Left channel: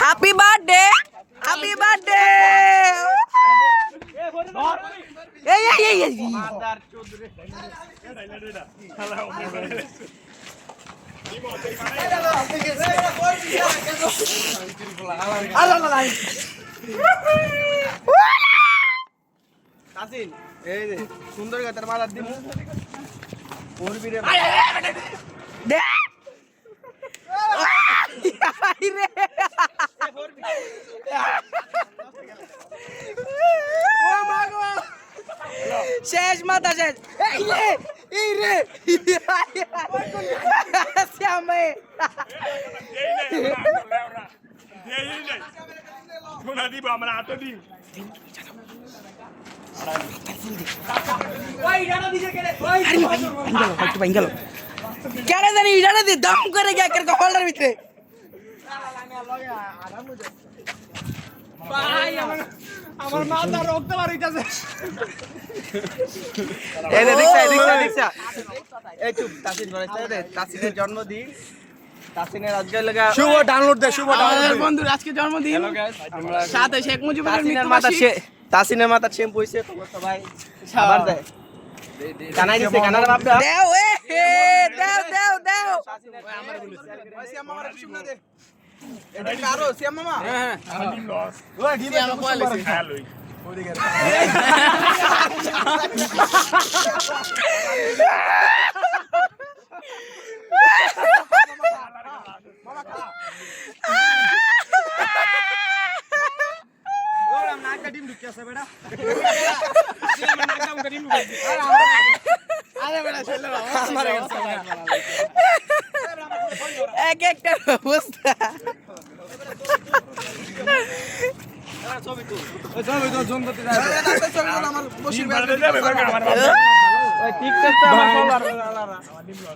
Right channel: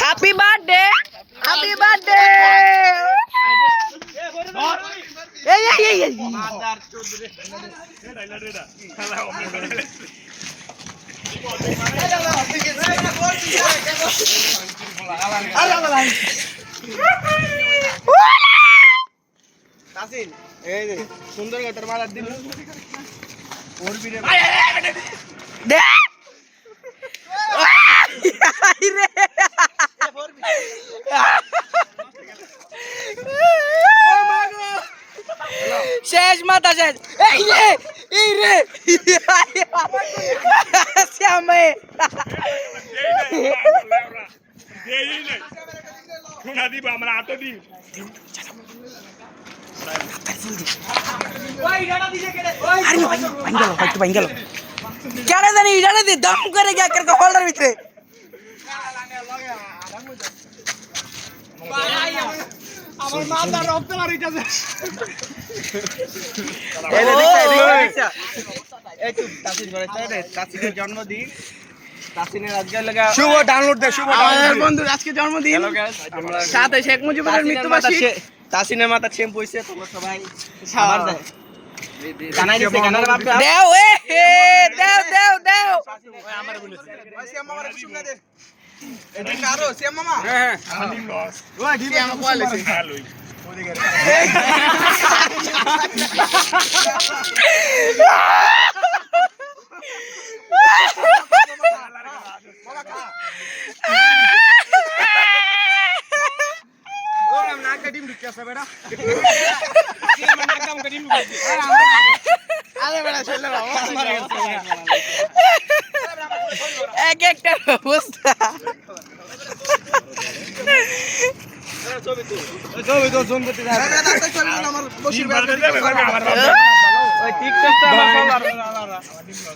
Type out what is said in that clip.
happy birthday happy birthday এই এই এই এই তাসিন এই যে সুন্দর গাতের মালার দিন ওর বিরে দে আই রে ও মাগো শেষ মাথা শেষ এই রে শ্যামে শোনা দিব আমরা আটো দিই কেন জানি জানে দি দম করে গিয়া কেরকে হোল্ডার ভিতরে আমার মাথা রক্ত মারিতাছে এই তো তাসিন বলেছে রে তাসিনের জন্মদিন তাসিনের আজকে লাগা শুভ ডাউনলোড দে শুভ ডাউনলোড বন্ধু আজকে জন্মদিন হ্যালো গাইস আমরা সাথে শেখ মুজিবের মৃত্যুবার্ষিকী তাসিনের মাথা শ্যাম্পু হইছে তোমরা সবাই খাবার দেয় কানাই দিছে কানার বাপ দেও দেও দেও দেও আমার বলেছে ওই শ্যাম মামার কিছু না দে এটা কারো শ্যাম মামা হ্যাঁ খালি লস ওই ঢিলে আমার কোয়াল আছে হ্যালোই মামা খা ওর আমি নাক ডিম ঢুকে আছে বেটা আমার নাক ডিম ঢুকে আরে বেটা চলে না এক একটা অবস্থা ছবি তো জুম করতে যায় ছবি আমার বসির বাড়তে যাবে আমার ওই টিকটকটা আমার ফলোয়ার